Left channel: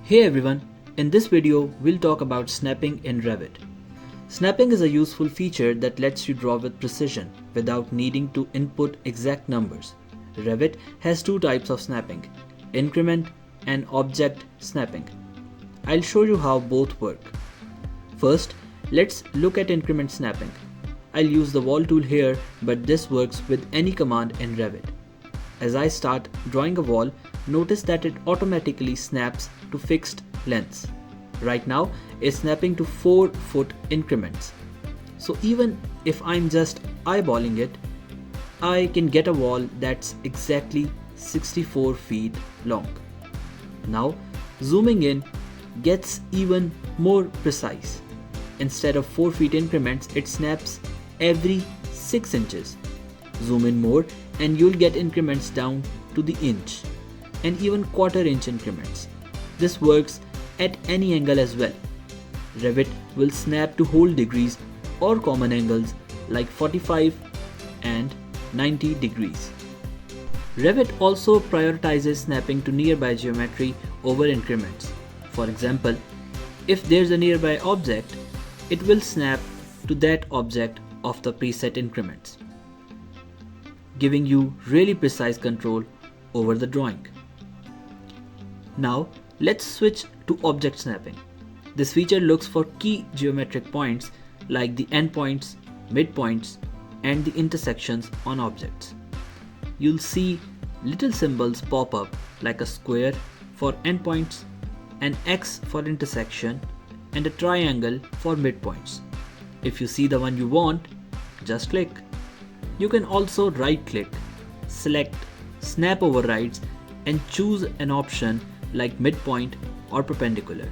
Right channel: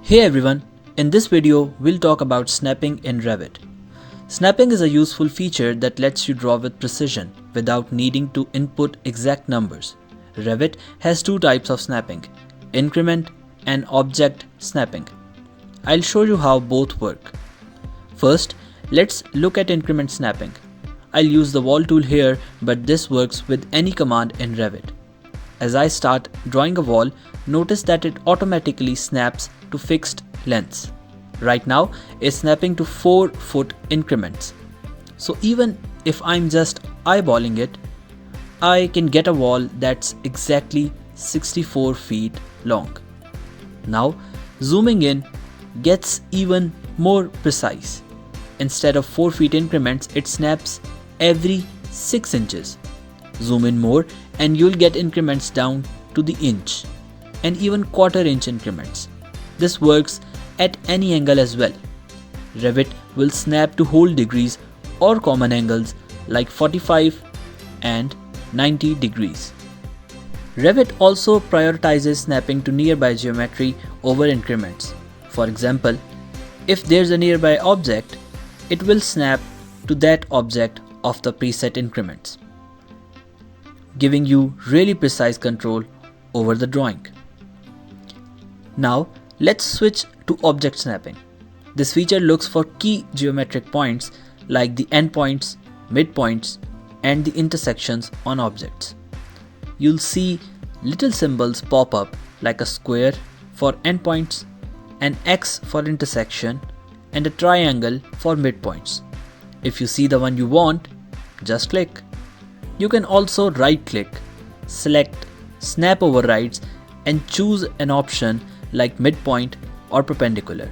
Hey everyone, in this video we'll talk about snapping in Revit. Snapping is a useful feature that lets you draw with precision without needing to input exact numbers. Revit has two types of snapping, increment and object snapping. I'll show you how both work. First, let's look at increment snapping. I'll use the wall tool here, but this works with any command in Revit. As I start drawing a wall, notice that it automatically snaps to fixed lengths. Right now, it's snapping to 4-foot increments. So even if I'm just eyeballing it, I can get a wall that's exactly 64 feet long. Now, zooming in gets even more precise. Instead of 4 feet increments, it snaps every 6 inches. Zoom in more and you'll get increments down to the inch and even quarter-inch increments. This works at any angle as well. Revit will snap to whole degrees or common angles like 45 and 90 degrees. Revit also prioritizes snapping to nearby geometry over increments. For example, if there's a nearby object, it will snap to that object of the preset increments, giving you really precise control over the drawing. Now, let's switch to object snapping. This feature looks for key geometric points like the endpoints, midpoints, and the intersections on objects. You'll see little symbols pop up like a square for endpoints, an X for intersection, and a triangle for midpoints. If you see the one you want, just click. You can also right-click, select Snap Overrides, and choose an option like midpoint or perpendicular.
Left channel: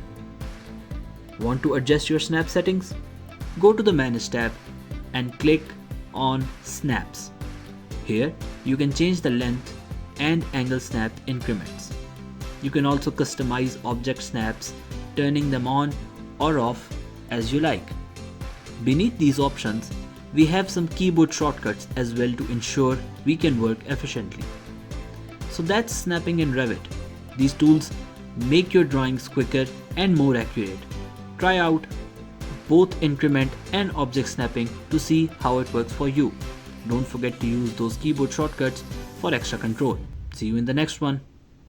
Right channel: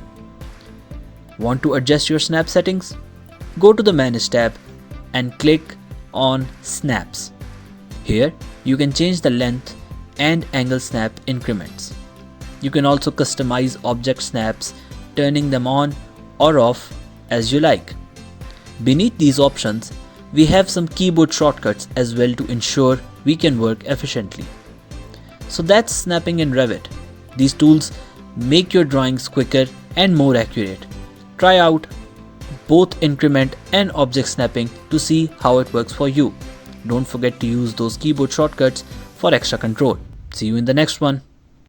Want to adjust your snap settings? Go to the Manage tab and click on Snaps. Here, you can change the length and angle snap increments. You can also customize object snaps, turning them on or off as you like. Beneath these options, we have some keyboard shortcuts as well to ensure we can work efficiently. So that's snapping in Revit. These tools make your drawings quicker and more accurate. Try out both increment and object snapping to see how it works for you. Don't forget to use those keyboard shortcuts for extra control. See you in the next one.